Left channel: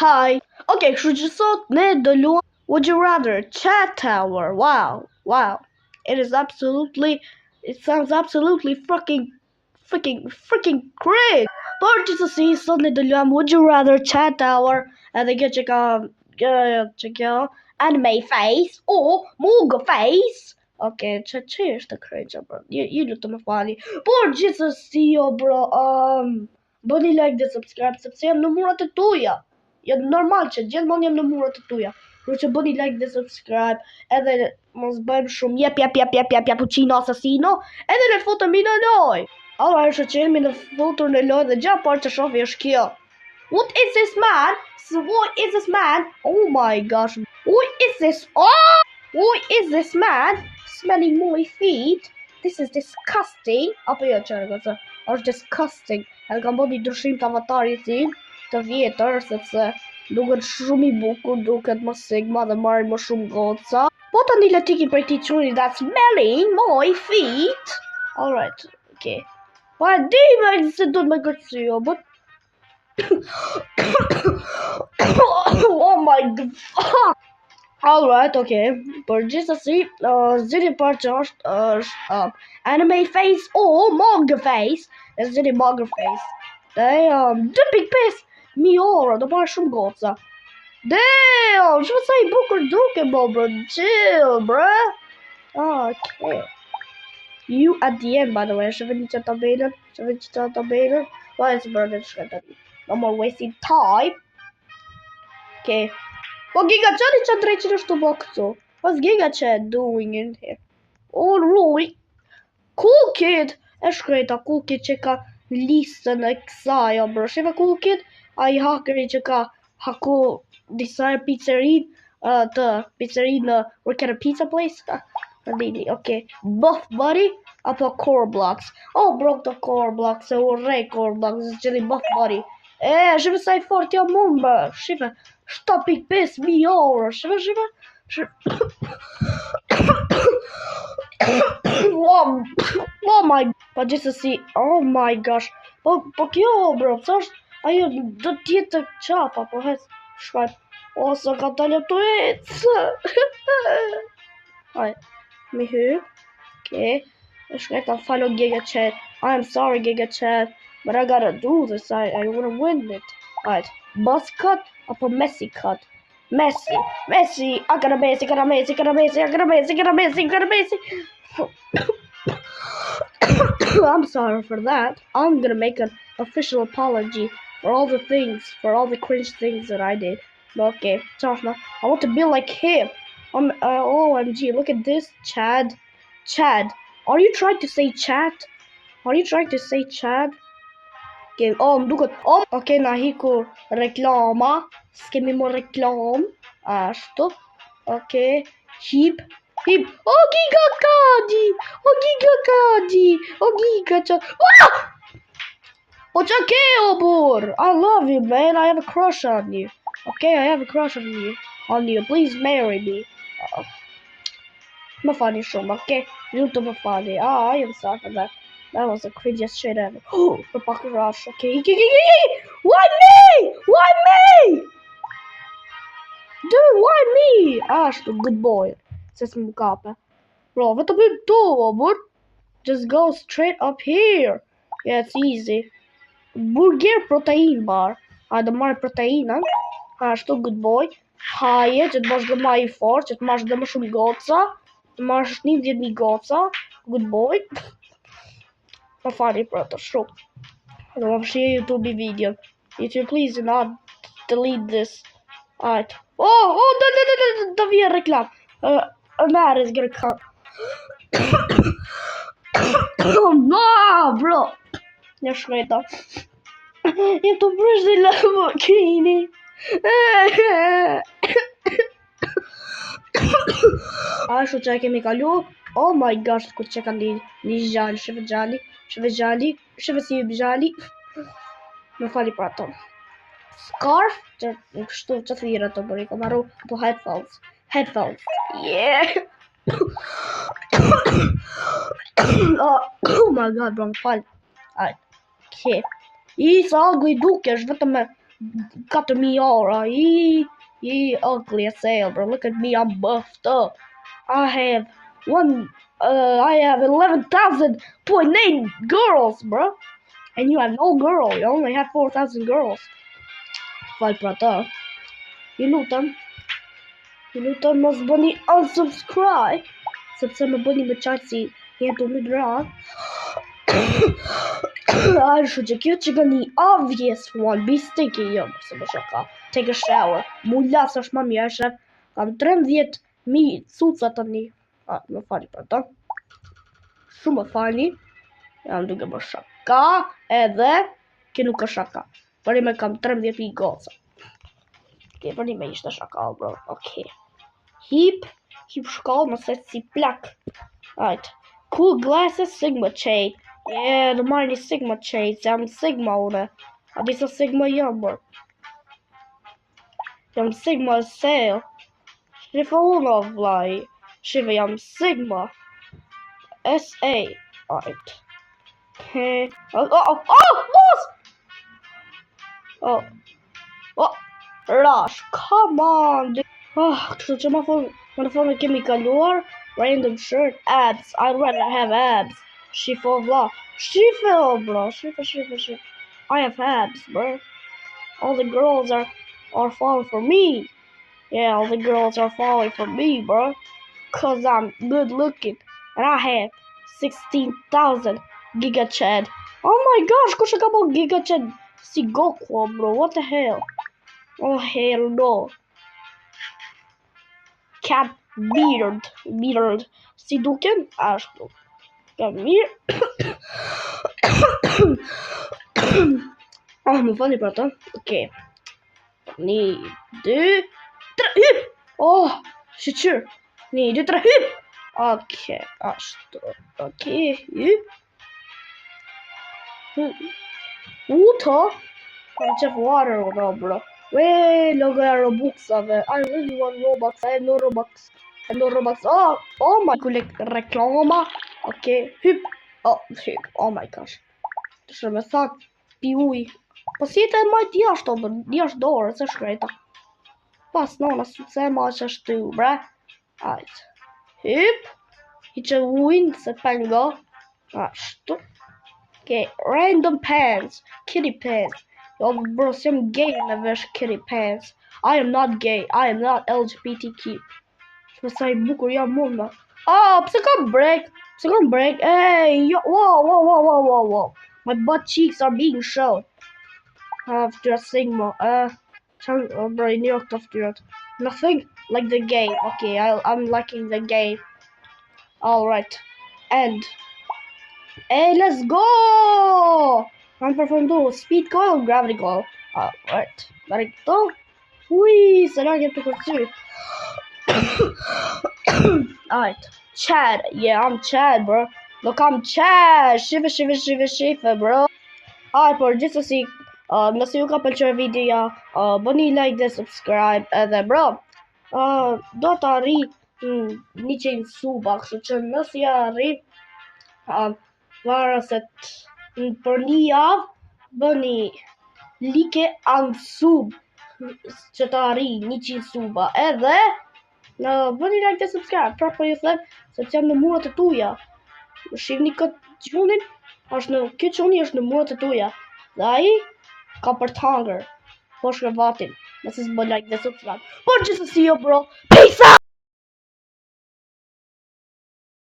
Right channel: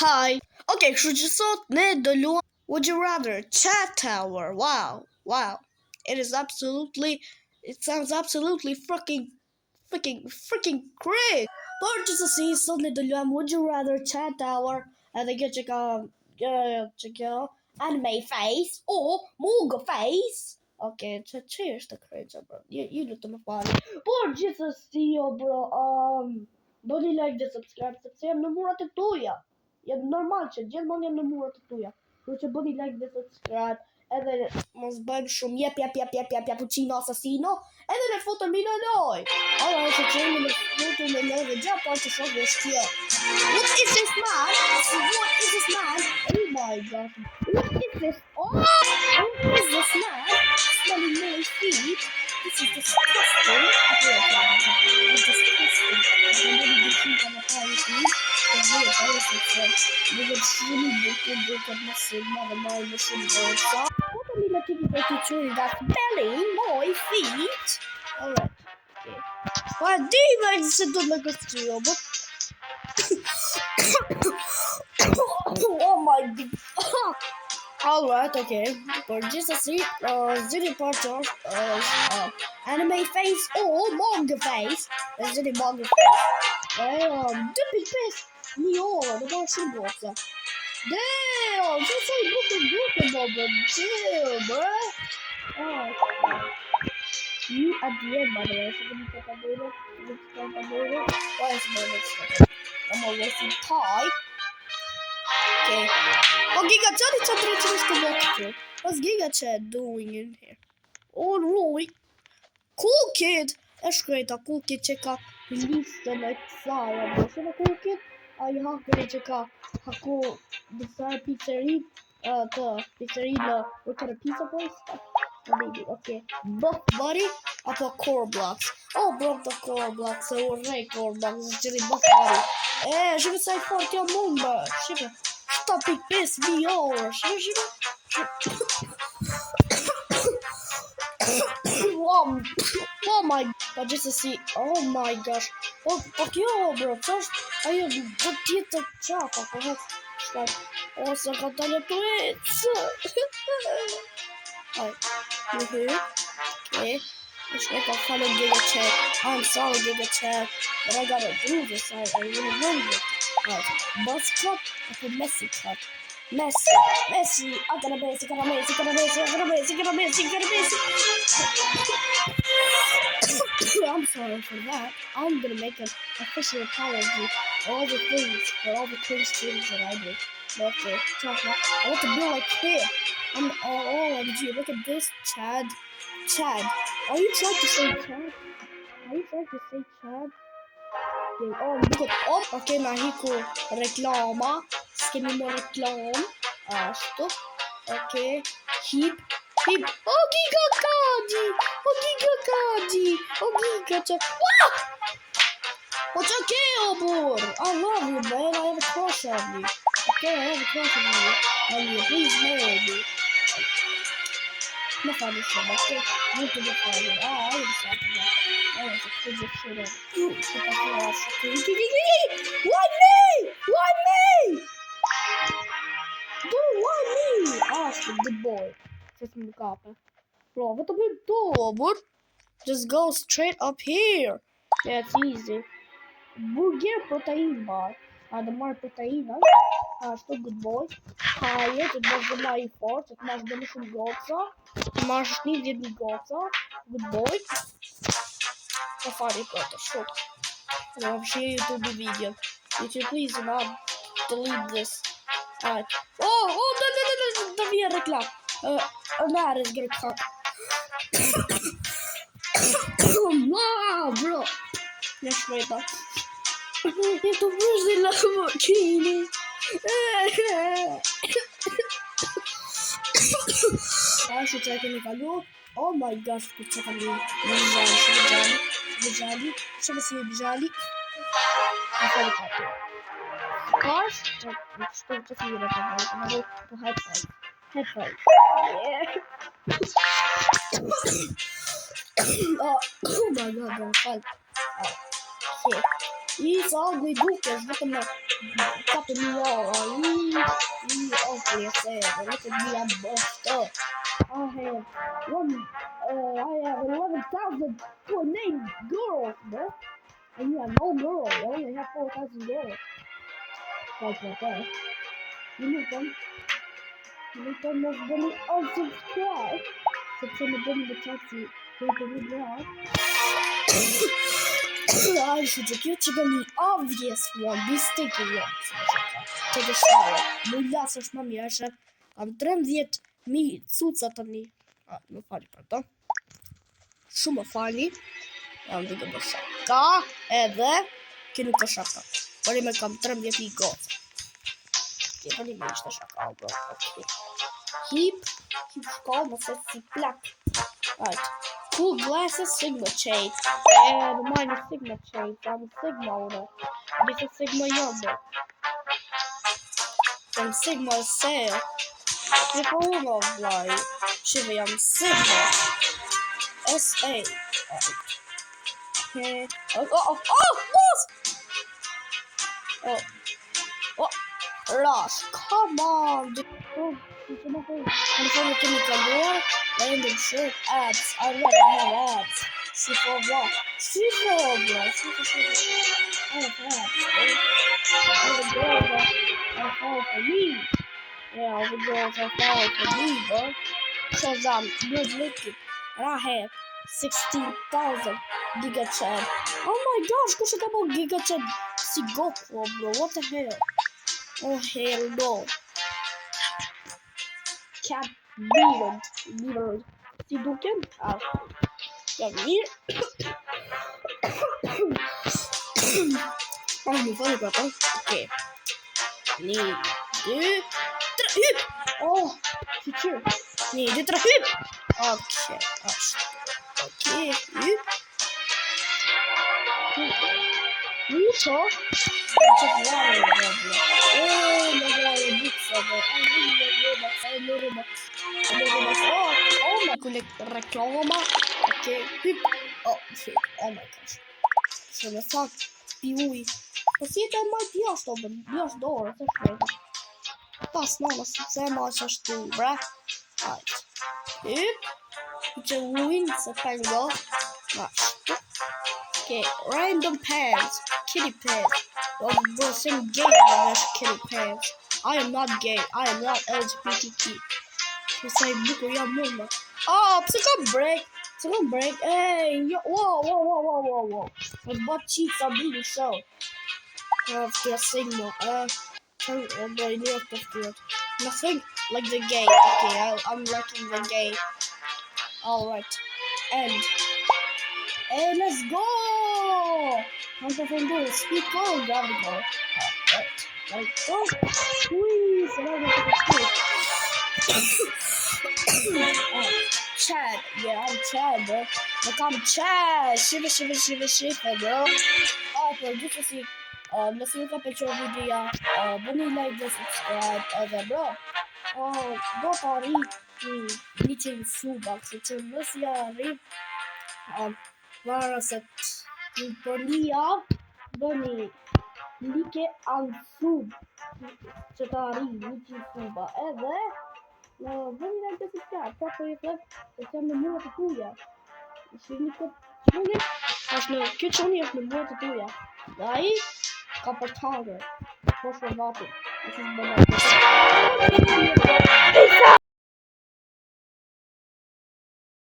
Hi. Okay, kështu që sot ne do luajmë Would you rather Chat Tower. Wow. It sounds absolutely freaking great. Por gjithsesi sot ne do luajmë Would you rather Chat Tower, edhe kjo që anime face o Mugo face. Okay, që është të krejqa, bro. Ju lutem më falni. Por gjithsesi, bro, bëni like dhe subscribe sepse jam në murat e tuaja. Jo normal që gjithmonë jam në murat e tuaja. Kështu që bëni like dhe subscribe, edhe mos bëjmë shumë jep puccino assassino, edhe ne futemi në lojë. Alright, që jemi në futur në lojë dhe gjatë parë që shofi është kjo. What is this man? Oh my gosh. What is this man? Smelling my feet. This is disgusting. It's disgusting. I kam bodi dëshim të avatari si të vjetër, sepse duket shumë i bukur, duket më sigma dhe marrin më shumë goca. Po tani le tiki për ti çuri that's smelling my feet. Alright, okay. Po e di me se do të më gëstoj, but oh my god. Alright, okay. Por gjithsesi, zgjidhja parë që është anime face o manga face. Zgjidhni manga face. The big face. Mi orë, do bëra shumë goca. Damn, që sa i bukur duke, bobo. Chill, bruh. Okay. You at the end, by the way. Shëveni që të bejnë. Why is it no more wasting time. Okay. Oh, Giga Chat is drejtë në box këtu. What's Giga Chat doing in here? Oh, Roy. Cool Kid. E shkreta Cool Kid që ka listën e kësaj, bro. Shiva Cool Kid, ai hakeri që ka haku disa pizzeri, në work at a pizza place. Really, okay. Buff Buddy apo Core Blocks. Oh, bro, the Core Blocks. E urrej Core Blocks. Zgjidhi Buff Buddy. Shiva sa i fort jo mumba. Shiva. 7.5 miljoner. Shiva. Oh my. Po gjithsesi, oh my gosh. Po kjo, bro, ç'është? Ajo do të jetë çapa, po hes shpat. Ose ka dalë to Hi. Okay. Follow Giga Chat. I'm sorry, Giga Chat, but I gotta do this. I wanna win it. Alright. Buzz cut or Messi cut? Messi. I got a Messi. I'm sorry for that. I'm gonna make an official apology for all the cringe things that I did. Okay, I want to be like him. OMG, look at this, Chad. Are you trying to say chat? Okay, look at okay, na hiku reklama. Skemi mo reklam. Ashtu. Okay. Hip. Oh, Giga Chat. What's okay, Obor? I love you, man. I have a crush on you. Okay, I have a crush on you. Please marry me. My father's from, okay? You to my father. I am sorry for that. That was the craziest shit ever. Oh, it's the fucking rush. Okay. Why me? Dude, why me? The good boy. Says Mukapa. Bro, what the big do, bro? Just go straight up here. Yeah, it's easy. Burger protein bar. The more protein, the good boy. Haje, që të bash dhe ma I fort, që të mash dhe më shumë goca. Të mash 10.000 goca. Good boy. Po fari për të shumë. Dhe më përshirë YouTube video. YouTube, please do not delete this. Alright. The via reklam. That is gonna cut. No, bro. Ja shmeta. Ja të përsh dhe Lamborghini. Ashtu që e kemi kalu. Oh my gosh, ku që ka një gjali. Shëve si gjali. Me fali për ato. Scarf, që kështu që të jire të bëri. Po maru po headphones. Yeah. Oh my god, bro, më fali. Okay. I sa algu I duke është vetëm me 4,000 €. Ugly as hell, bro. Look at me, I'm buffed up. I have 11,000.8 girls, bro. And you have no girl. You only have 4,000 girls. Fal për ata. Ju lutem mos bëni unsubscribe, sepse më bëni me qartë si jetu më dra. I should get you the obvious one. Be sticky, yo. Se më shaka. Take a shower. Mullas është më mirë, shef. Kam 13,000 cuca tani. Më fali për ta. Shumë më fali. Jam duke më shaka. Edhe ki nuk është shaka. Për i me kam 13,000 goca. Ok, për i me ishte shaka, bro. Ok. Hip shkall më se si plak. Right. Cool glasses, Sigma shade. The mine is Sigma shade. I'm Sigma ore. A disa Sigma jam, bro. Jam Sigma sale. Dhe pa unë o vlaj. Shive jam Sigma. SA. Right. Boss! Rush, come on, dude. Kështu që më thonë kemi kaluar. Random shirt, ads. I'd rather have ads. Shifo bro. I have ads, bro. All the girls are falling for me. Yeah, all the girls are falling for me, bro. Cause I'm good looking. And I have 16,000 Giga Chad. Oh my gosh, kush e ka po Giga Chad si Goku, bro? What the hell? Oh hell no. Cat beard. Si duken? Ashtu. Ka mirë. Më fali për ata. Okej. 1, 2, 3, hyp! Shqyr. 1, 2, 3, hyp! Okej, ashtu. Okej, hyp. Ta. Kam qef water, bro. Loga Robuxave. I really want Robux. No Robux. Oh my god, reklama. Okay, hyp. Hyp. Oh my gosh. Shumë me thak, pi uj. Po si e majt jashtë, jashtë dorë, se shkrejta. Pas nona, se e majt ashtu, bre. Ajt. Hyp. I që ujnë, se pengo. Ashtu. Okay, random pants. Kitty pants. Oh, bro, sim gay and I kitty pants. I am not gay. I am not LGBTQ. Masaj bukur jam munda. Pse kam break? Hey, yo, whoa. My butt cheeks are being shown. After a Sigma. Bro, New York of nothing like the gay. Okay, I'm liking the gay. Alright. And hey, let's go! I'm performing speed goal, gravity goal. Alright. Let it go. Whee! So now I get to the speed. Alright. Chad. Yeah, I'm Chad, bro. Look, I'm Chad. Shiva, bro. Alright, por just to see. Nëse ju ka pëlqyer videoja, bëni like dhe subscribe edhe bro. Do të arri 100 suba, kështu që nëse ja arri, para se për një javë bëni like an sub që të arri 100 suba edhe bëni like dhe subscribe. Pra po ju them se jam në muret e tuja. Shihni këtë qunin, këtë quni është në muret e tuja. Dhe ai ka për të hangër. Po shme vatin. Nëse s'bën like dhe subscribe. Po që si jo bro.